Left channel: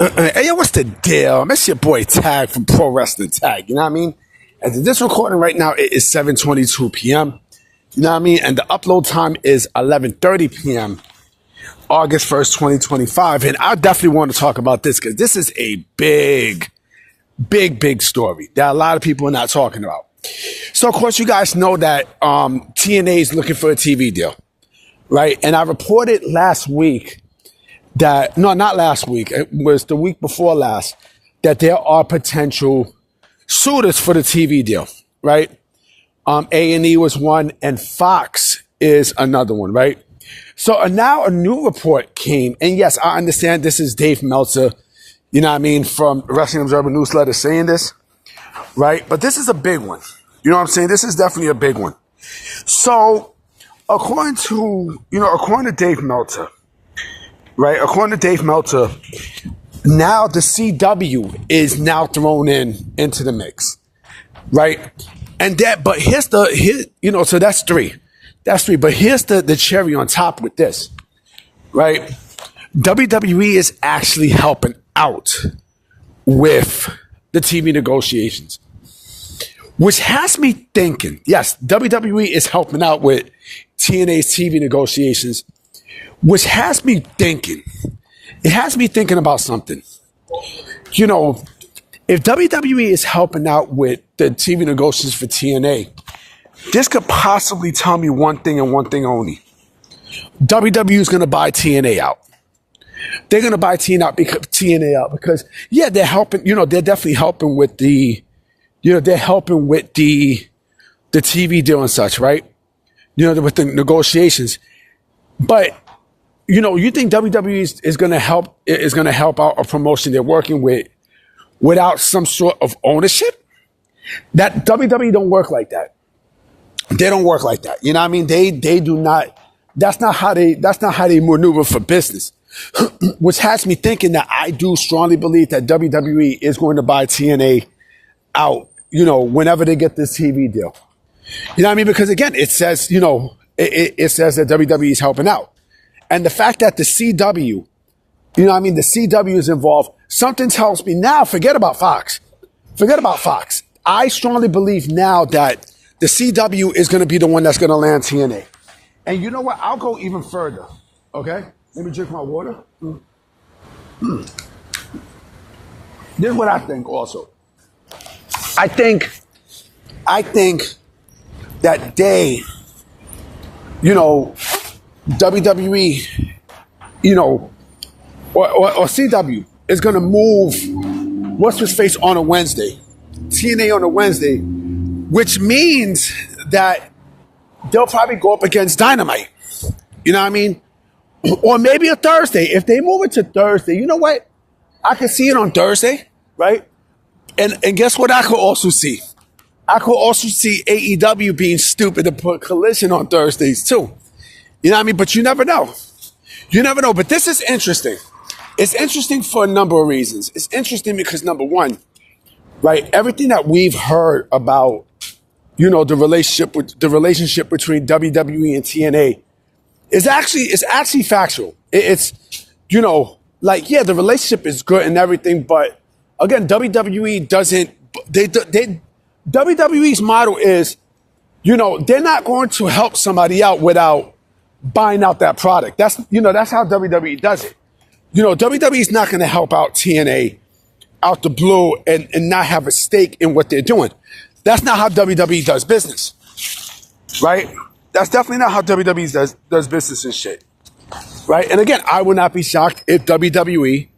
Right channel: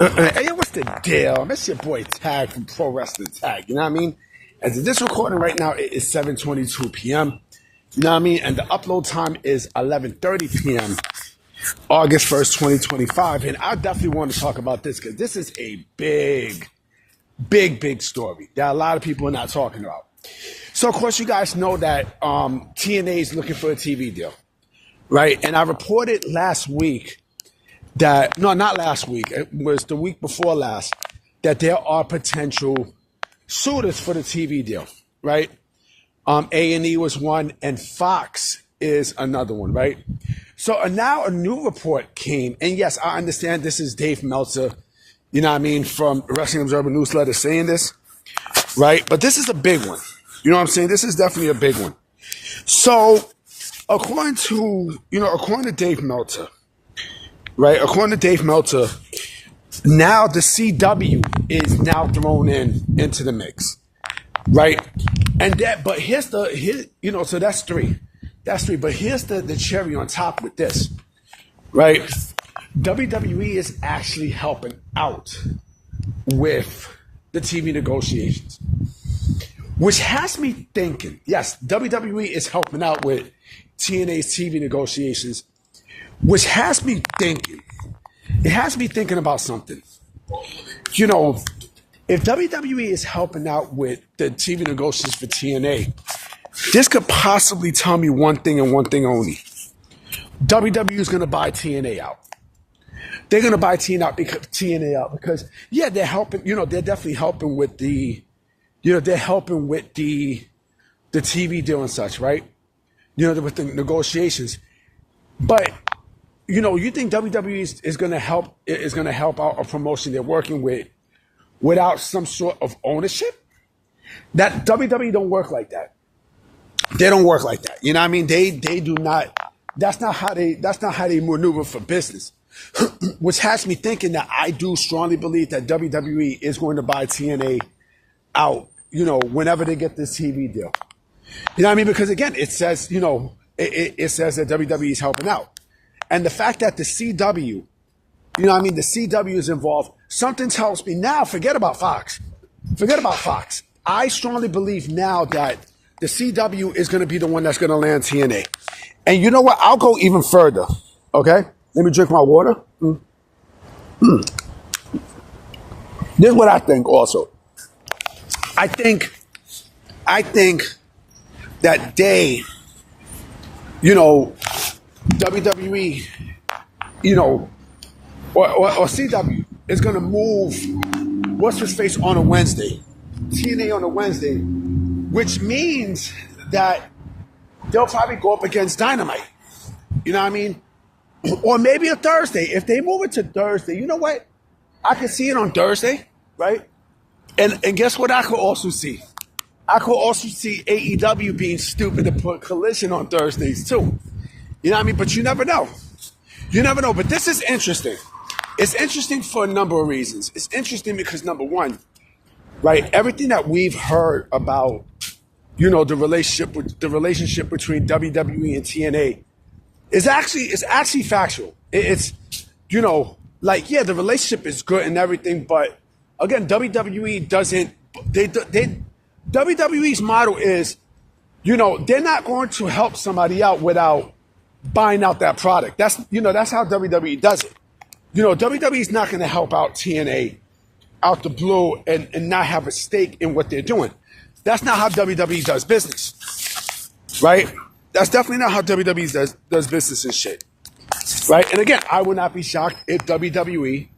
Hey, yo, what's the deal? That's your boy Tag from Pro Wrestling Tag. You know what I mean? As of this recording right now, it is 7:22 p.m. You know what I mean? And the upload time is 11:30 p.m. August 1st, 2025. And I definitely want to talk about this because this is a big story that a lot of people are not talking about. So, of course, you guys know that TNA is looking for a TV deal, right? And I reported last week that, no, not last week, it was the week before last, that there are potential suitors for the TV deal, right? A&E was one, and Fox is another one, right? So now a new report came, and yes, I understand this is Dave Meltzer, you know what I mean, from Wrestling Observer Newsletter saying this, right? But this is a big one. You know what I'm saying? This is definitely a big one. So according to Dave Meltzer, right? According to Dave Meltzer, now the CW is now thrown into the mix, right? And but so that's three. That's three. But here's the cherry on top with this, right? WWE is actually helping out with the TV negotiations, which has me thinking, yes, WWE is helping out with TNA's TV negotiations, which has me thinking, it has me thinking about something. You know, if WWE is helping out with the TV negotiations for TNA, this could possibly tell me one thing and one thing only. WWE is going to buy TNA out. They're going to buy TNA out because, yeah, they're helping, they're definitely helping with they're helping with the TV deal and such, right? With the negotiations. But you think WWE is going to help out a promotion they're working with without some sort of ownership? That WWE don't work like that. They don't work like that. You know what I mean? They do not. That's not how they maneuver for business. Which has me thinking that I do strongly believe that WWE is going to buy TNA out, whenever they get this TV deal. You know what I mean? Because again, it says, it says that WWE is helping out. And the fact that the CW, the CW is involved, something tells me now, forget about Fox. I strongly believe now that the CW is going to be the one that's going to land TNA. And you know what? I'll go even further. Okay? Let me drink my water. This is what I think also. I think that they, WWE, or CW is going to move what's his face on a Wednesday, TNA on a Wednesday, which means that they'll probably go up against Dynamite. You know what I mean? Or maybe a Thursday. If they move it to Thursday, you know what? I could see it on Thursday, right? And guess what I could also see? I could also see AEW being stupid to put Collision on Thursdays too. You know what I mean? But you never know. You never know. But this is interesting. It's interesting for a number of reasons. It's interesting because, number one, right, everything that we've heard about, the relationship between WWE and TNA is actually factual. It's the relationship is good and everything, but again, WWE doesn't. WWE's model is, they're not going to help somebody out without buying out that product. That's how WWE does it. WWE's not going to help out TNA out the blue and not have a stake in what they're doing. That's not how WWE does business, right? That's definitely not how WWE does business and shit, right? And again, I would not be shocked if WWE,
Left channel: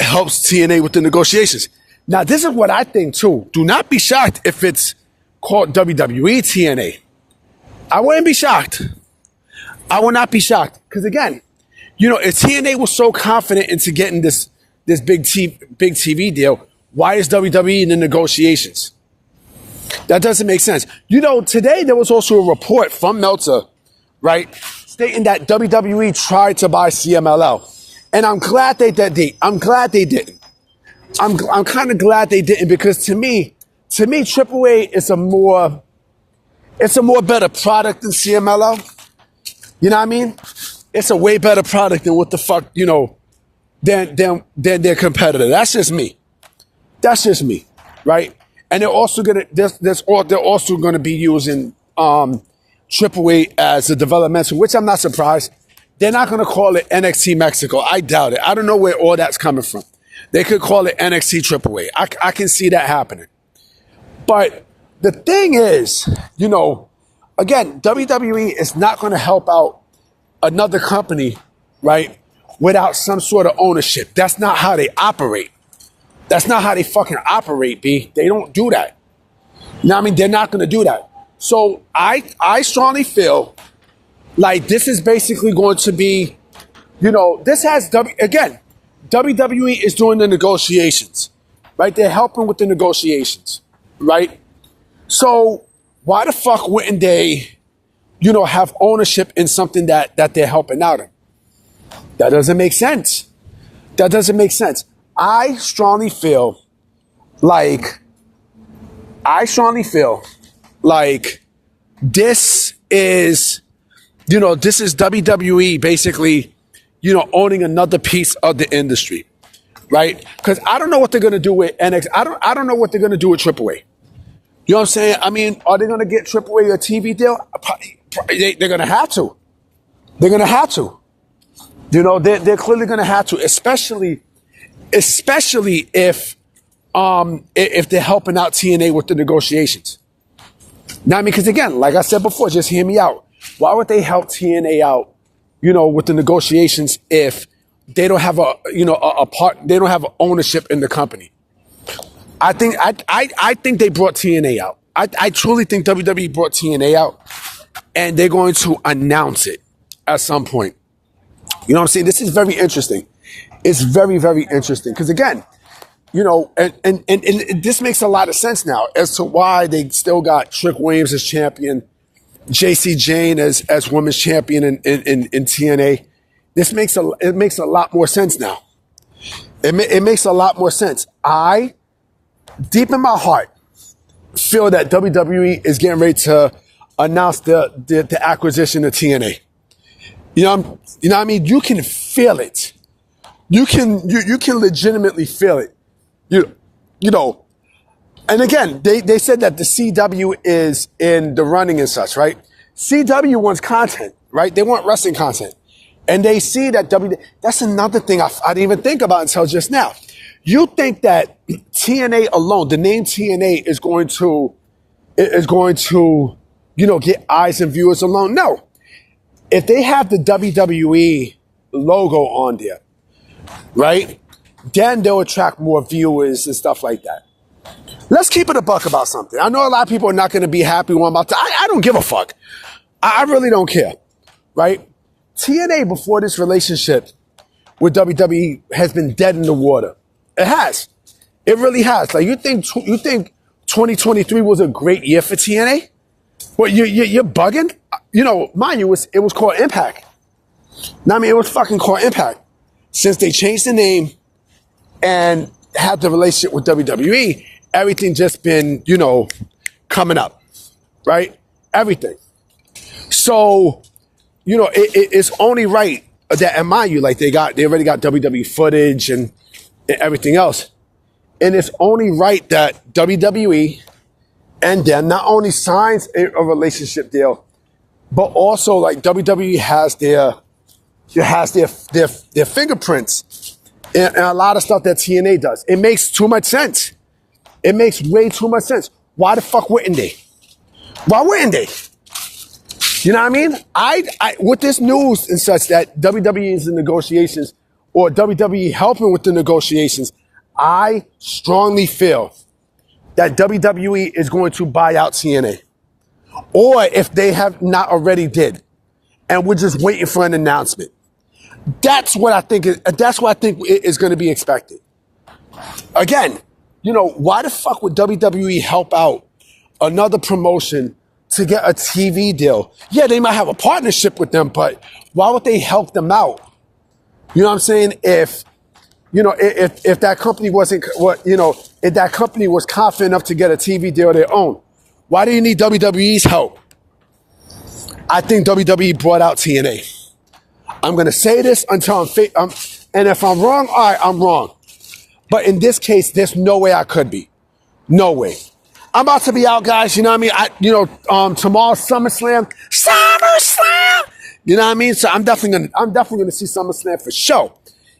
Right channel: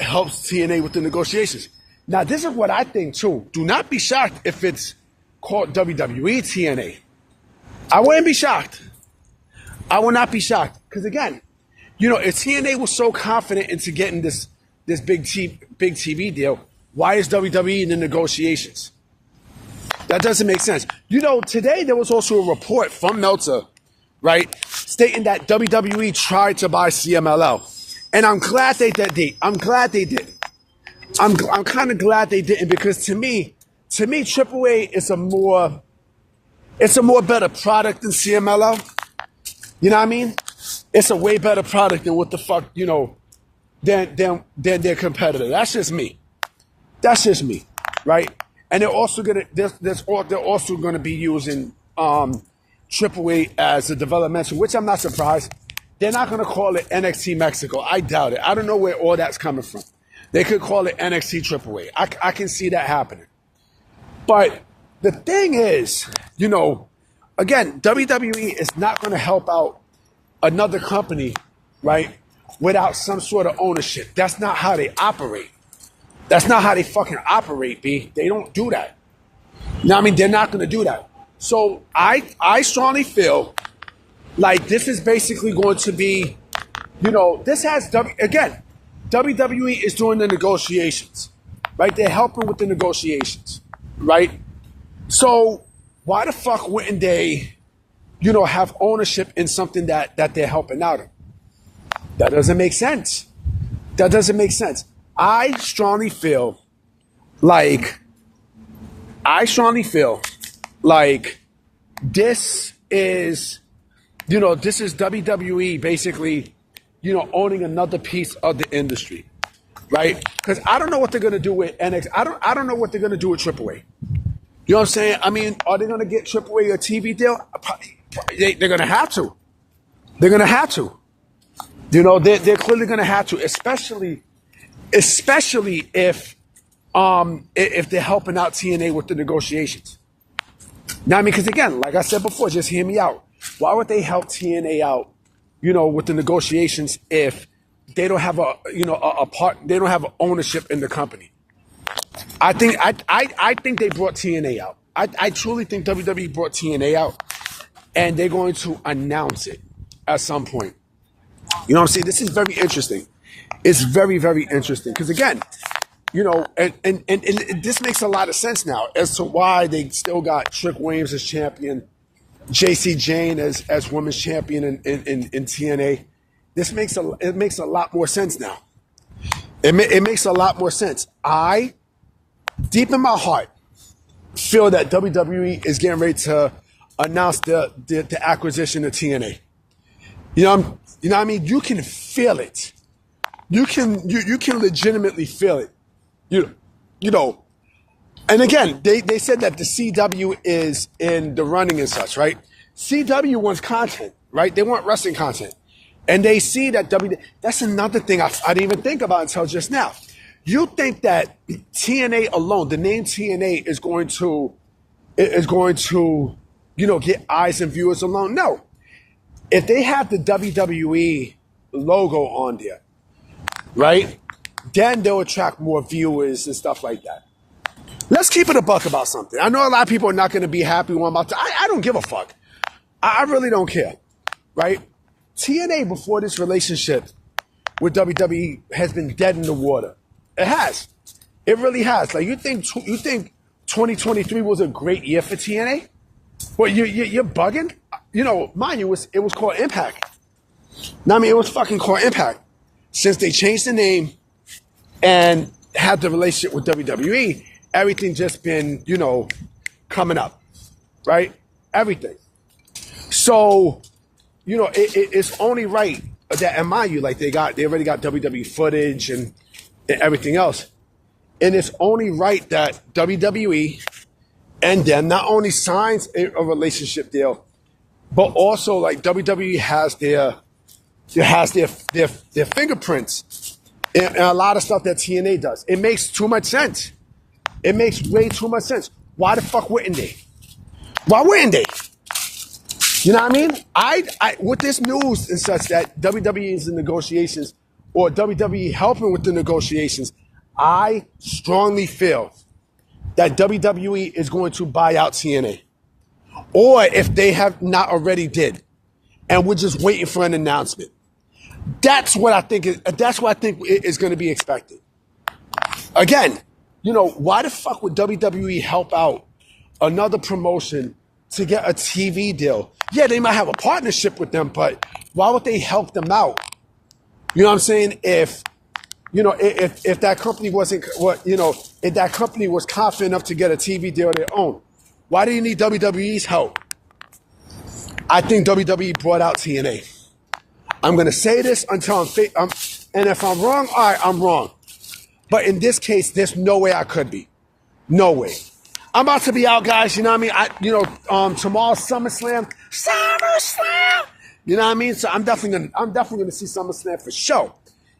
helps TNA with the negotiations. Now, this is what I think too. Do not be shocked if it's called WWE TNA. I wouldn't be shocked. I would not be shocked because again, if TNA was so confident into getting this big TV deal, why is WWE in the negotiations? That doesn't make sense. Today there was also a report from Meltzer, right, stating that WWE tried to buy CMLL. And I'm glad they did. I'm glad they didn't. I'm kind of glad they didn't because to me, AAA is a more better product than CMLL. You know what I mean? It's a way better product than what the fuck, than their competitor. That's just me. That's just me, right? And they're also gonna be using AAA as a developmental, which I'm not surprised. They're not gonna call it NXT Mexico. I doubt it. I don't know where all that's coming from. They could call it NXT AAA. I can see that happening. But the thing is, again, WWE is not going to help out another company, right, without some sort of ownership. That's not how they operate. That's not how they fucking operate, B. They don't do that. They're not going to do that. So I strongly feel like this is basically going to be, this has, again, WWE is doing the negotiations, right? They're helping with the negotiations, right? So why the fuck wouldn't they, have ownership in something that they're helping out in? That doesn't make sense. That doesn't make sense. I strongly feel like this is, this is WWE basically, owning another piece of the industry, right? Because I don't know what they're gonna do with NXT. I don't know what they're gonna do with AAA. You know what I'm saying? Are they gonna get AAA a TV deal? They're gonna have to. They're gonna have to. They're clearly gonna have to, especially if they're helping out TNA with the negotiations. Because again, like I said before, just hear me out. Why would they help TNA out, with the negotiations if they don't have they don't have ownership in the company? I think they brought TNA out. I truly think WWE brought TNA out, and they're going to announce it at some point. You know what I'm saying? This is very interesting. It's very, very interesting because again, and this makes a lot of sense now as to why they still got Trick Williams as champion, JC Jane as women's champion in TNA. It makes a lot more sense now. It makes a lot more sense. I, deep in my heart, feel that WWE is getting ready to announce the acquisition of TNA. You know what I mean? You can feel it. You can legitimately feel it. And again, they said that the CW is in the running and such, right? CW wants content, right? They want wrestling content. And they see that that's another thing I didn't even think about until just now. You think that TNA alone, the name TNA is going to, get eyes and viewers alone? No. If they have the WWE logo on there, right, then they'll attract more viewers and stuff like that. Let's keep it a buck about something. I know a lot of people are not going to be happy when I'm about to. I don't give a fuck. I really don't care, right? TNA before this relationship with WWE has been dead in the water. It has. It really has. Like you think 2023 was a great year for TNA? Well, you're bugging. Mind you, it was called Impact. It was fucking called Impact. Since they changed the name and had the relationship with WWE, everything just been, coming up, right? Everything. So, it's only right that, and mind you, like they already got WWE footage and everything else. And it's only right that WWE and them not only signs a relationship deal, but also like WWE has their fingerprints in a lot of stuff that TNA does. It makes too much sense. It makes way too much sense. Why the fuck wouldn't they? Why wouldn't they? You know what I mean? I with this news and such that WWE is in negotiations or WWE helping with the negotiations, I strongly feel that WWE is going to buy out TNA. Or if they have not already did, and we're just waiting for an announcement. That's what I think is going to be expected. Again, why the fuck would WWE help out another promotion to get a TV deal? Yeah, they might have a partnership with them, but why would they help them out? You know what I'm saying? If that company wasn't, if that company was confident enough to get a TV deal of their own, why do you need WWE's help? I think WWE brought out TNA. I'm going to say this until And if I'm wrong, all right, I'm wrong. But in this case, there's no way I could be. No way. I'm about to be out, guys. You know what I mean? Tomorrow's SummerSlam. SummerSlam! You know what I mean? So I'm definitely gonna see SummerSlam for sure.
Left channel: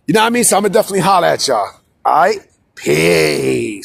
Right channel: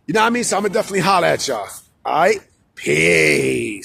You know what I mean? So I'm gonna definitely holler at y'all. All right? Peace.